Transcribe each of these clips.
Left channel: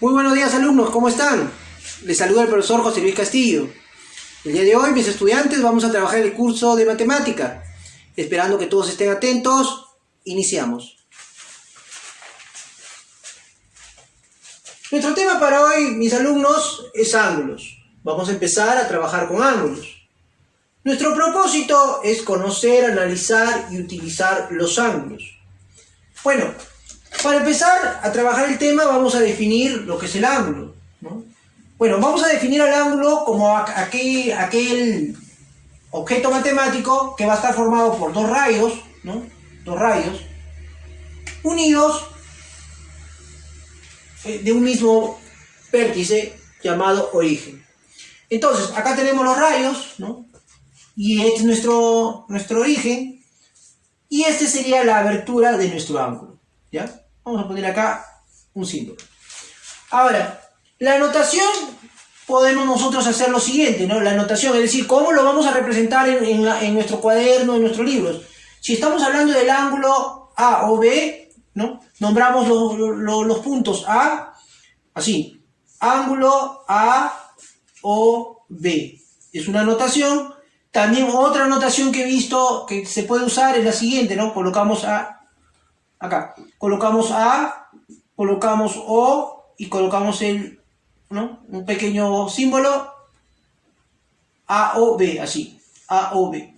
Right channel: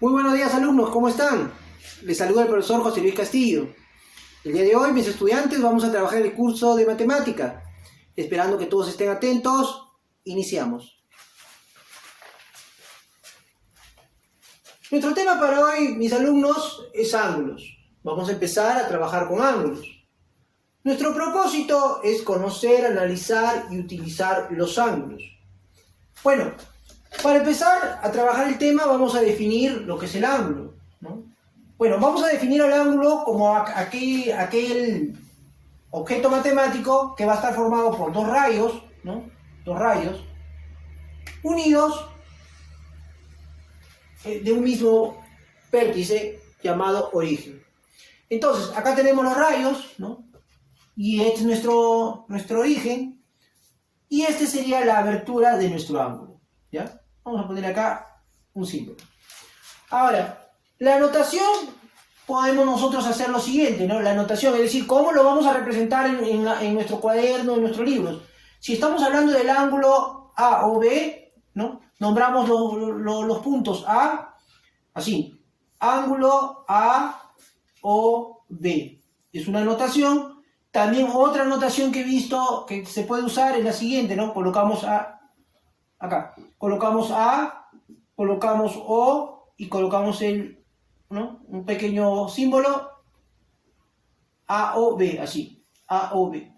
Muy buenos días, alumnos, ¿cómo están? Les saluda el profesor José Luis Castillo. El día de hoy, mis estudiantes, vamos a trabajar el curso de matemática. Esperando que todos estén atentos, iniciamos. Nuestro tema para hoy, mis alumnos, es ángulos. Vamos a empezar a trabajar con ángulos. Nuestro propósito es conocer, analizar y utilizar los ángulos. Bueno, para empezar a trabajar el tema vamos a definir lo que es el ángulo, ¿no? Bueno, vamos a definir el ángulo como aquel objeto matemático que va a estar formado por dos rayos, ¿no? Dos rayos unidos de un mismo vértice llamado origen. Entonces, acá tenemos los rayos, ¿no? Y este es nuestro origen, y este sería la abertura de nuestro ángulo, ¿ya? Vamos a poner acá un símbolo. Ahora, la anotación podemos nosotros hacer lo siguiente, ¿no? La anotación, es decir, cómo lo vamos a representar en nuestro cuaderno, en nuestros libros. Si estamos hablando del ángulo A o B, ¿no? Nombramos los puntos A, así, ángulo A o B. Es una anotación. También otra anotación que he visto que se puede usar es la siguiente, ¿no? Colocamos A, acá, colocamos A, colocamos O y colocamos ¿no? Un pequeño símbolo A o B, así, A o B.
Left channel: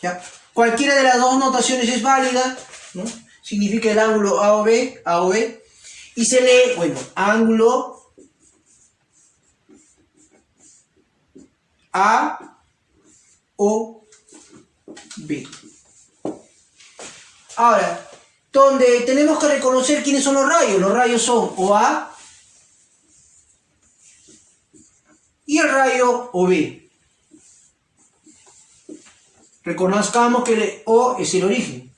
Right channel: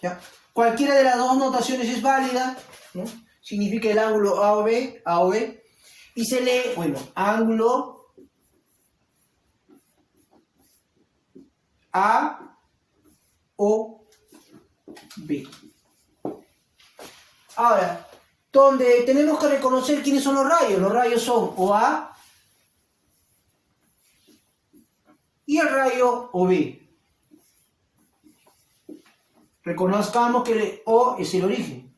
¿Ya? Cualquiera de las dos notaciones es válida, ¿no? Significa el ángulo A o B, y se lee, bueno, ángulo A o B. Ahora, donde tenemos que reconocer quiénes son los rayos son OA y el rayo OB. Reconozcamos que el O es el origen.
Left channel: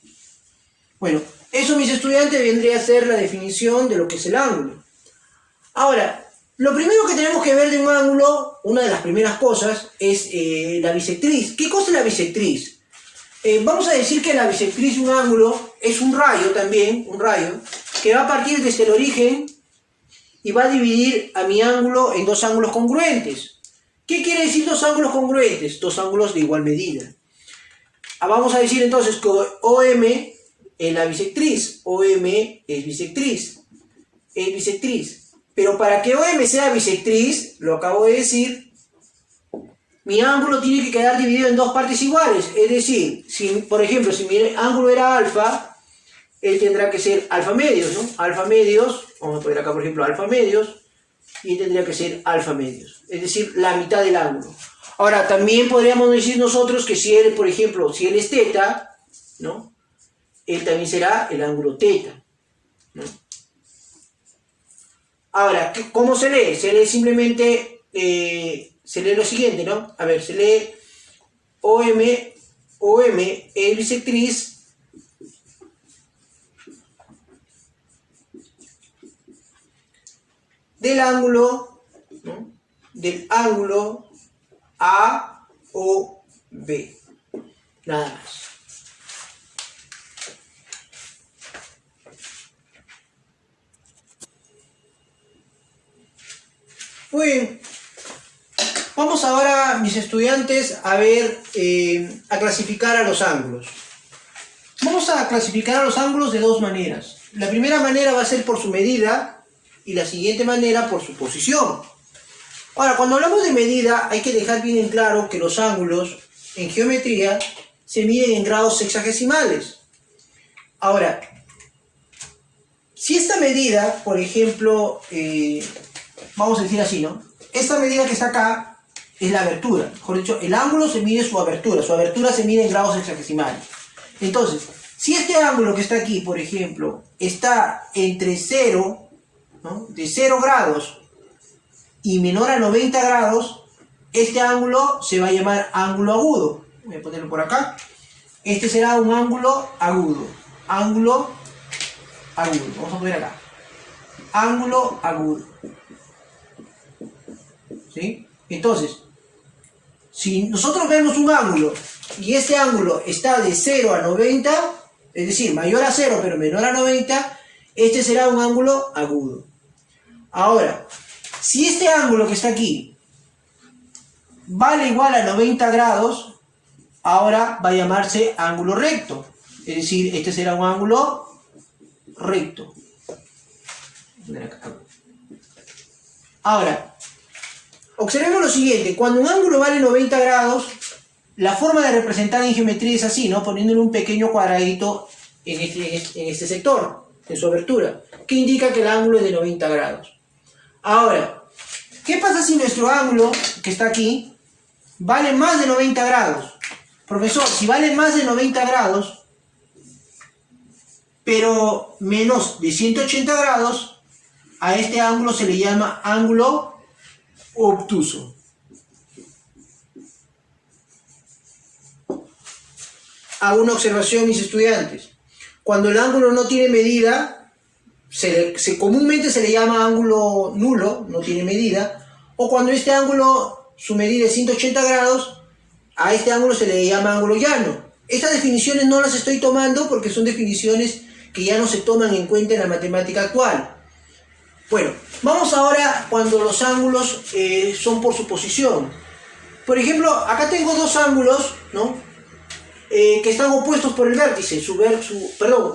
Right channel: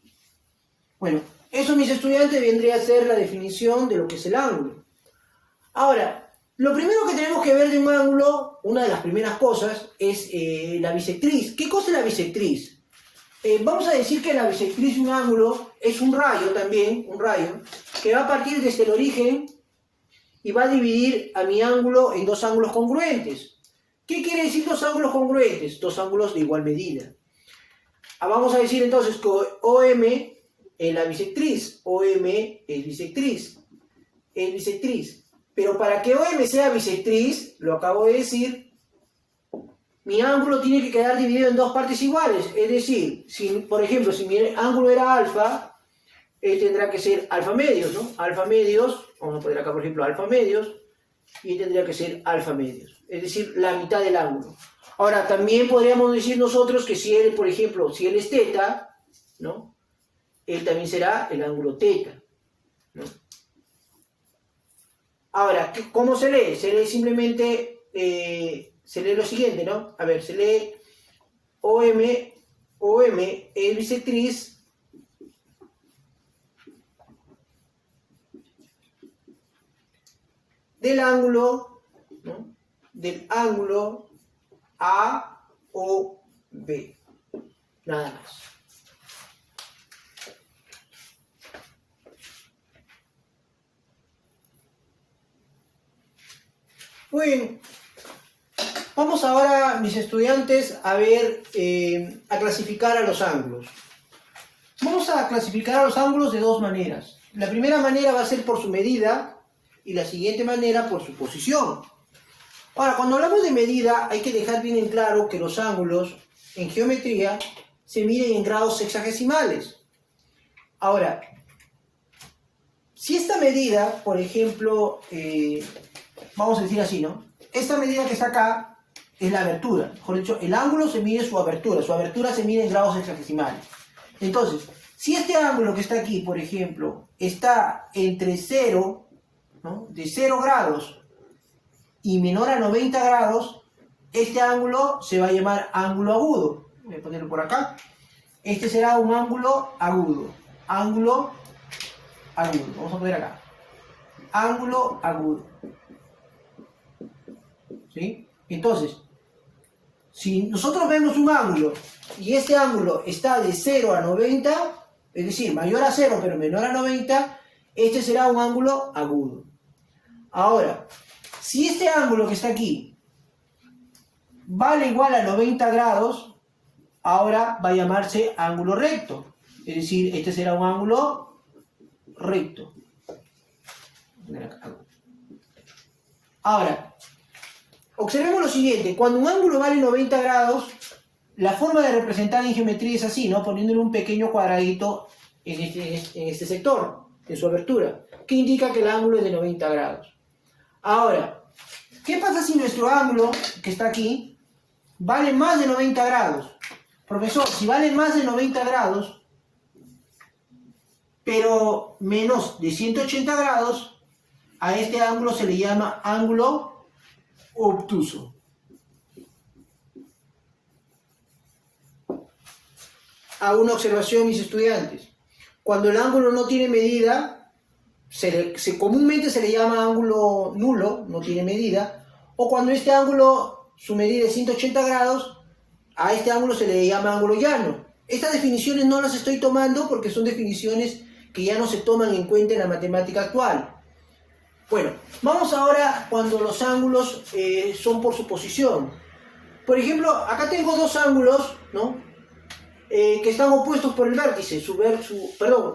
Bueno, eso, mis estudiantes, vendría a ser la definición de lo que es el ángulo. Ahora, lo primero que tenemos que ver de un ángulo, una de las primeras cosas, es la bisectriz. ¿Qué cosa es la bisectriz? Vamos a decir que la bisectriz de un ángulo es un rayo también, un rayo, que va a partir desde el origen y va a dividir a mi ángulo en dos ángulos congruentes. ¿Qué quiere decir dos ángulos congruentes? Dos ángulos de igual medida. Vamos a decir entonces que OM es la bisectriz, OM es bisectriz, Pero para que OM sea bisectriz, lo acabo de decir, mi ángulo tiene que quedar dividido en dos partes iguales. Es decir, por ejemplo, si mi ángulo era alfa, él tendrá que ser alfa medios, ¿no? Alfa medios, vamos a poner acá por ejemplo alfa medios, y él tendría que ser alfa medios. Es decir, la mitad del ángulo. Ahora, también podríamos decir nosotros que si él, por ejemplo, si él es teta, ¿no? Él también será el ángulo teta, ¿no? Ahora, ¿cómo se lee? Se lee simplemente, se lee lo siguiente, ¿no? A ver, se lee OM es bisectriz del ángulo, ¿no? Del ángulo A o B. Nada más. Muy bien. Vamos ahora, mis estudiantes, a ver, a clasificar a los ángulos. Vamos a clasificar a los ángulos de dos maneras. La primera manera va a ser por su medida y la siguiente manera por su posición. Ahora, cuando hablamos de medida, hay que dejar bien en claro que los ángulos en geometría se miden en grados sexagesimales. Ahora, si esta medida, por ejemplo, vamos a decir así, ¿no? Esta medida que está acá es la abertura. Mejor dicho, el ángulo se mide su abertura. Su abertura se mide en grados sexagesimales. Entonces, si este ángulo que está aquí, por ejemplo, está entre 0, ¿no? De 0 grados y menor a 90 grados, este ángulo se va a llamar ángulo agudo. Voy a ponerlo por acá. Este será un ángulo agudo. Ángulo agudo. Vamos a poner acá. Ángulo agudo. ¿Sí? Entonces, si nosotros vemos un ángulo y este ángulo está de 0 a 90, es decir, mayor a 0 pero menor a 90, este será un ángulo agudo. Ahora, si este ángulo que está aquí vale igual a 90 grados, ahora va a llamarse ángulo recto. Es decir, este será un ángulo recto. Ahora, observemos lo siguiente. Cuando un ángulo vale 90 grados, la forma de representar en geometría es así, ¿no? Poniéndole un pequeño cuadradito en este sector, en su abertura, que indica que el ángulo es de 90 grados. Ahora, ¿qué pasa si nuestro ángulo, que está aquí, vale más de 90 grados? Profesor, si vale más de 90 grados, pero menos de 180 grados, a este ángulo se le llama ángulo obtuso. Hago una observación, mis estudiantes. Cuando el ángulo no tiene medida, comúnmente se le llama ángulo nulo, no tiene medida, o cuando este ángulo, su medida es 180 grados, a este ángulo se le llama ángulo llano. Estas definiciones no las estoy tomando porque son definiciones que ya no se toman en cuenta en la matemática actual. Bueno, vamos ahora cuando los ángulos son por su posición. Por ejemplo, acá tengo dos ángulos, ¿no? Que están opuestos por el vértice,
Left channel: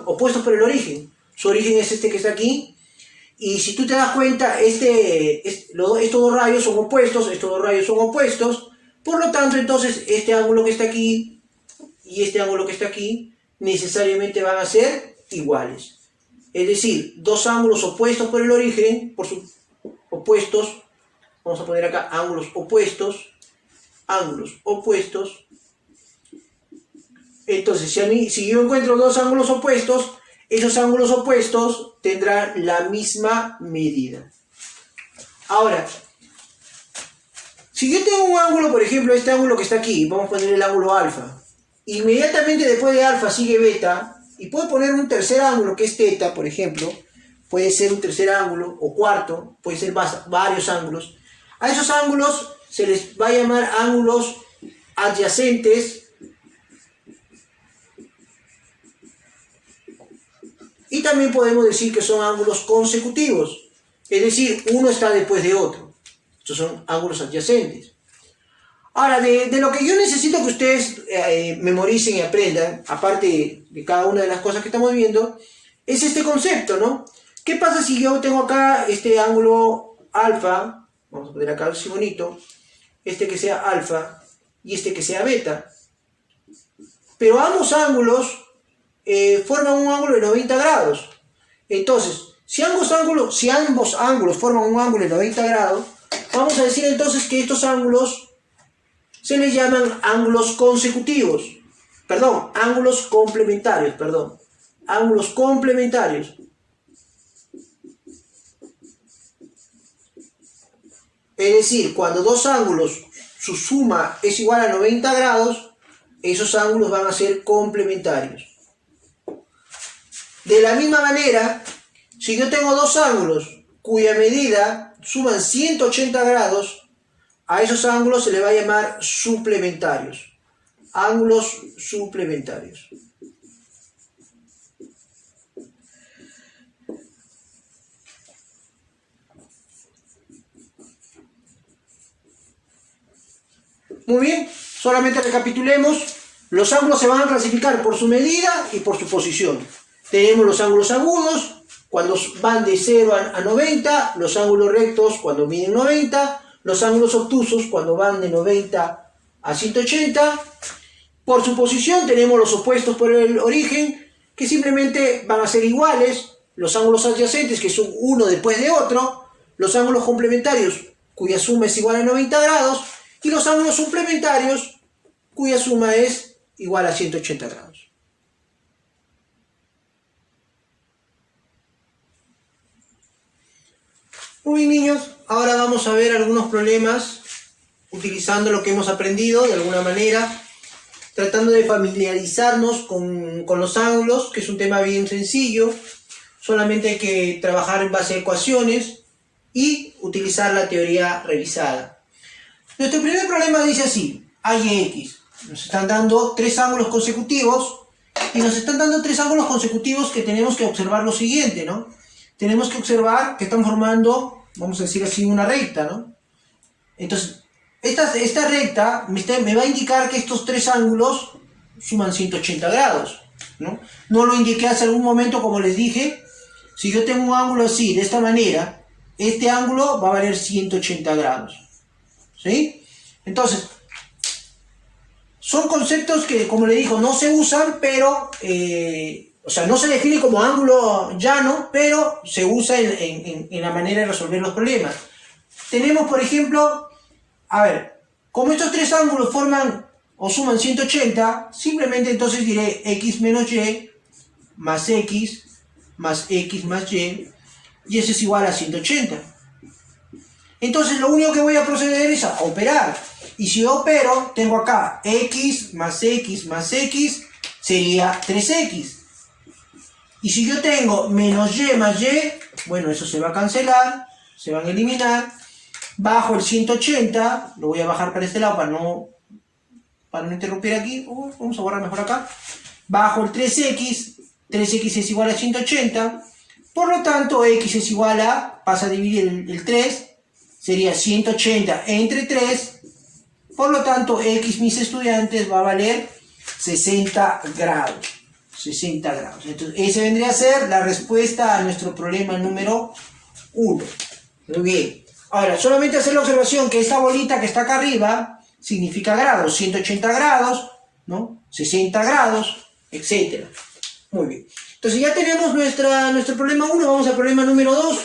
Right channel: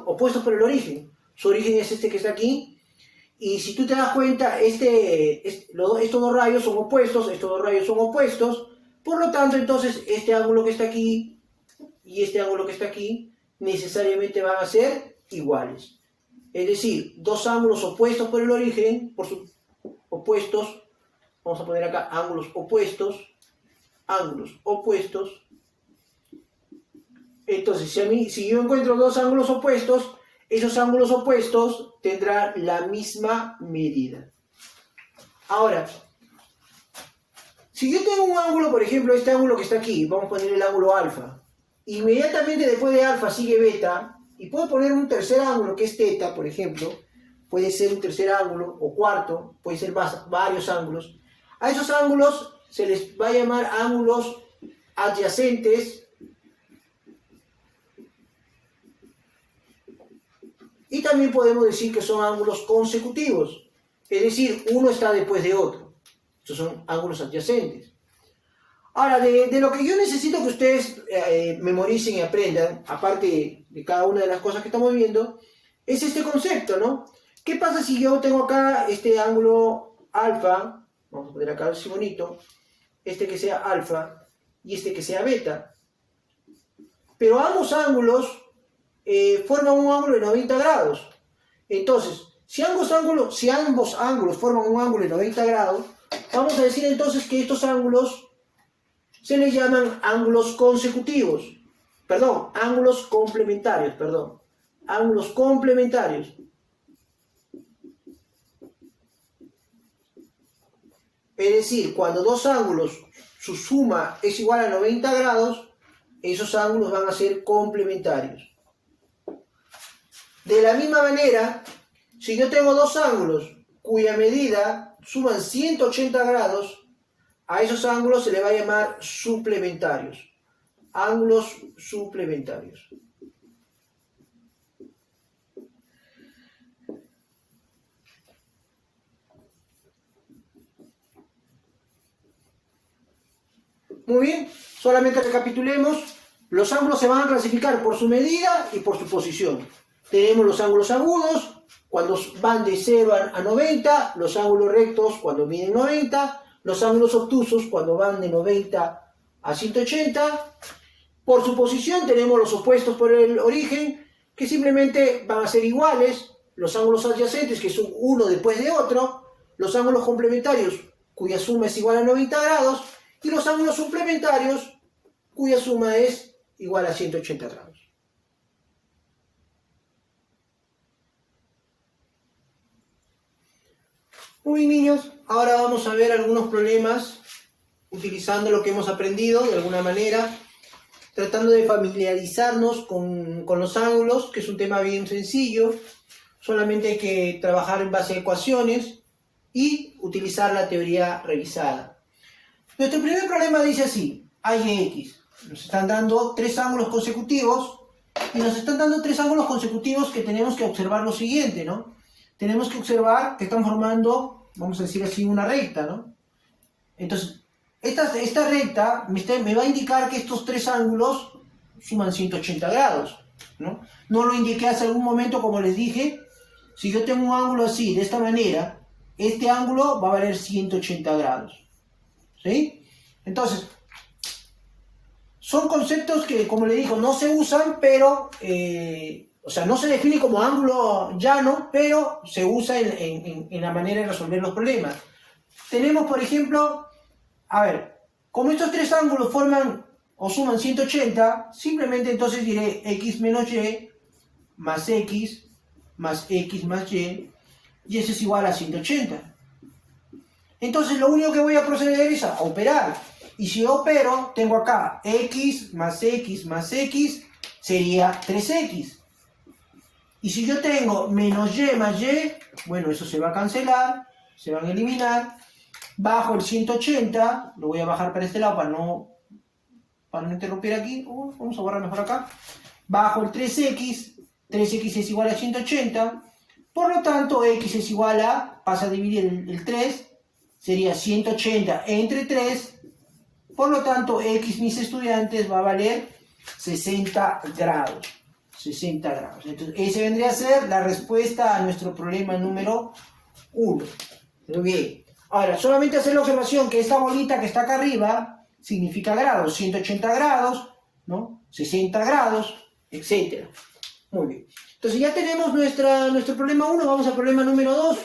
opuestos por el origen. Su origen es este que está aquí. Y si tú te das cuenta, estos dos rayos son opuestos, estos dos rayos son opuestos. Por lo tanto, entonces, este ángulo que está aquí y este ángulo que está aquí necesariamente van a ser iguales. Es decir, dos ángulos opuestos por el origen, opuestos, vamos a poner acá ángulos opuestos. Entonces, si yo encuentro dos ángulos opuestos, esos ángulos opuestos tendrán la misma medida. Ahora, si yo tengo un ángulo, por ejemplo, este ángulo que está aquí, vamos a poner el ángulo alfa, inmediatamente después de alfa sigue beta, y puedo poner un tercer ángulo que es teta, por ejemplo, puede ser un tercer ángulo, o cuarto, puede ser varios ángulos. A esos ángulos se les va a llamar ángulos adyacentes, y también podemos decir que son ángulos consecutivos, es decir, uno está después de otro. Estos son ángulos adyacentes. Ahora, de lo que yo necesito que ustedes memoricen y aprendan, aparte de cada una de las cosas que estamos viendo, es este concepto, ¿no? ¿Qué pasa si yo tengo acá este ángulo alfa? Vamos a poner acá así bonito. Este que sea alfa y este que sea beta. Pero ambos ángulos forman un ángulo de 90 grados. Entonces, si ambos ángulos forman un ángulo de 90 grados, vamos a decir entonces que estos ángulos se les llaman ángulos consecutivos. Ángulos complementarios, ángulos complementarios. Es decir, cuando dos ángulos, su suma es igual a 90 grados, esos ángulos van a ser complementarios. De la misma manera, si yo tengo dos ángulos cuya medida suman 180 grados, a esos ángulos se le va a llamar suplementarios. Ángulos suplementarios. Muy bien, solamente recapitulemos. Los ángulos se van a clasificar por su medida y por su posición. Tenemos los ángulos agudos, cuando van de 0 a 90, los ángulos rectos cuando miden 90, los ángulos obtusos cuando van de 90 a 180. Por su posición tenemos los opuestos por el origen, que simplemente van a ser iguales, los ángulos adyacentes, que son uno después de otro, los ángulos complementarios, cuya suma es igual a 90 grados, y los ángulos suplementarios, cuya suma es igual a 180 grados. Muy bien, niños, ahora vamos a ver algunos problemas utilizando lo que hemos aprendido de alguna manera, tratando de familiarizarnos con los ángulos, que es un tema bien sencillo. Solamente hay que trabajar en base a ecuaciones y utilizar la teoría revisada. Nuestro primer problema dice así: A y X. Nos están dando tres ángulos consecutivos y nos están dando tres ángulos consecutivos que tenemos que observar lo siguiente, ¿no? Tenemos que observar que están formando vamos a decir así, una recta, ¿no? Entonces, esta recta me va a indicar que estos tres ángulos suman 180 grados, ¿no? No lo indiqué hace algún momento, como les dije. Si yo tengo un ángulo así, de esta manera, este ángulo va a valer 180 grados, ¿sí? Entonces, son conceptos que, como le digo, no se usan, pero, o sea, no se define como ángulo llano, pero se usa en la manera de resolver los problemas. Tenemos, por ejemplo, a ver, como estos tres ángulos forman o suman 180, simplemente entonces diré x menos y más x más x más y eso es igual a 180. Entonces lo único que voy a proceder es a operar. Y si yo opero, tengo acá x más x más x sería 3x. Y si yo tengo menos y más y, bueno, eso se va a cancelar, se van a eliminar. Bajo el 180, lo voy a bajar para este lado para no interrumpir aquí. Vamos a borrar mejor acá. Bajo el 3x, 3x es igual a 180. Por lo tanto, x es igual a, pasa a dividir el 3, sería 180 entre 3. Por lo tanto, x, mis estudiantes, va a valer 60 grados. 60 grados. Entonces, esa vendría a ser la respuesta a nuestro problema número 1. Muy bien. Ahora, solamente hacer la observación que esta bolita que está acá arriba significa grados. 180 grados, ¿no? 60 grados, etc. Muy bien. Entonces ya tenemos nuestro problema 1. Vamos al problema número 2.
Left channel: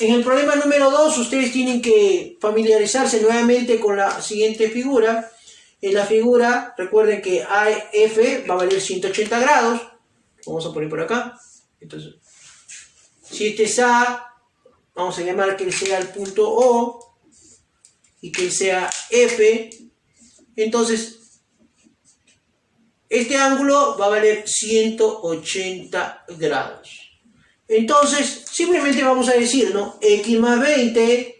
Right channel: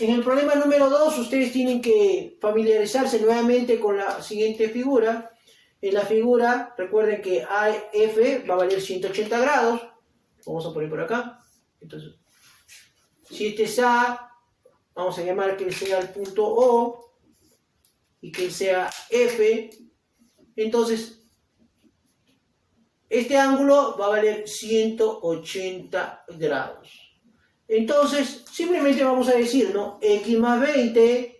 En el problema número 2 ustedes tienen que familiarizarse nuevamente con la siguiente figura. En la figura, recuerden que AF va a valer 180 grados. Vamos a poner por acá. Entonces, si este es A, vamos a llamar que sea el punto O y que sea F. Entonces, este ángulo va a valer 180 grados. Entonces, simplemente vamos a decir, ¿no? X más 20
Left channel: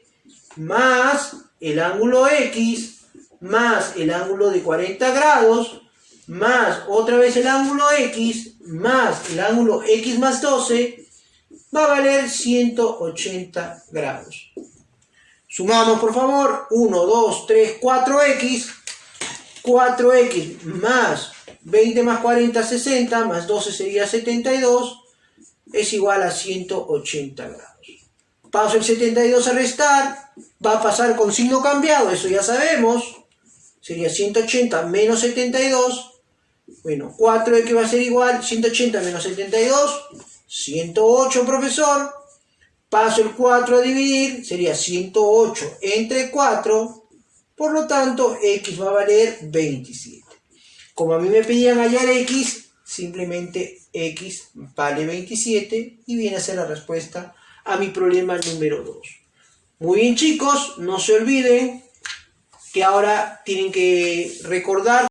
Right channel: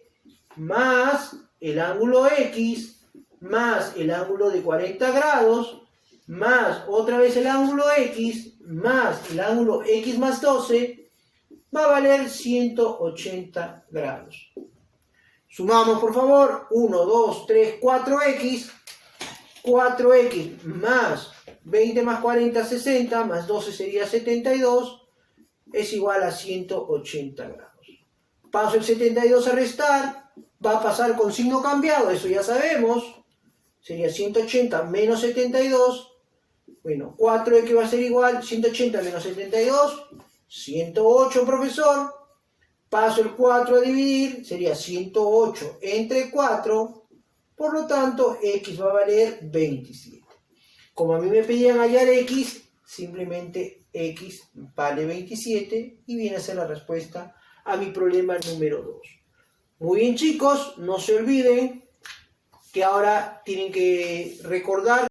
más el ángulo X más el ángulo de 40 grados más otra vez el ángulo X más el ángulo X más 12 va a valer 180 grados. Sumamos, por favor. 1, 2, 3, 4x. 4x más 20 más 40, 60, más 12 sería 72. Es igual a 180 grados. Paso el 72 a restar. Va a pasar con signo cambiado, eso ya sabemos. Sería 180 menos 72. Bueno, 4x va a ser igual. 180 menos 72. 108, profesor. Paso el 4 a dividir. Sería 108 entre 4. Por lo tanto, x va a valer 27. Como a mí me pedían hallar x, simplemente x vale 27 y viene a ser la respuesta a mi problema número 2. Muy bien, chicos, no se olviden que ahora tienen que recordar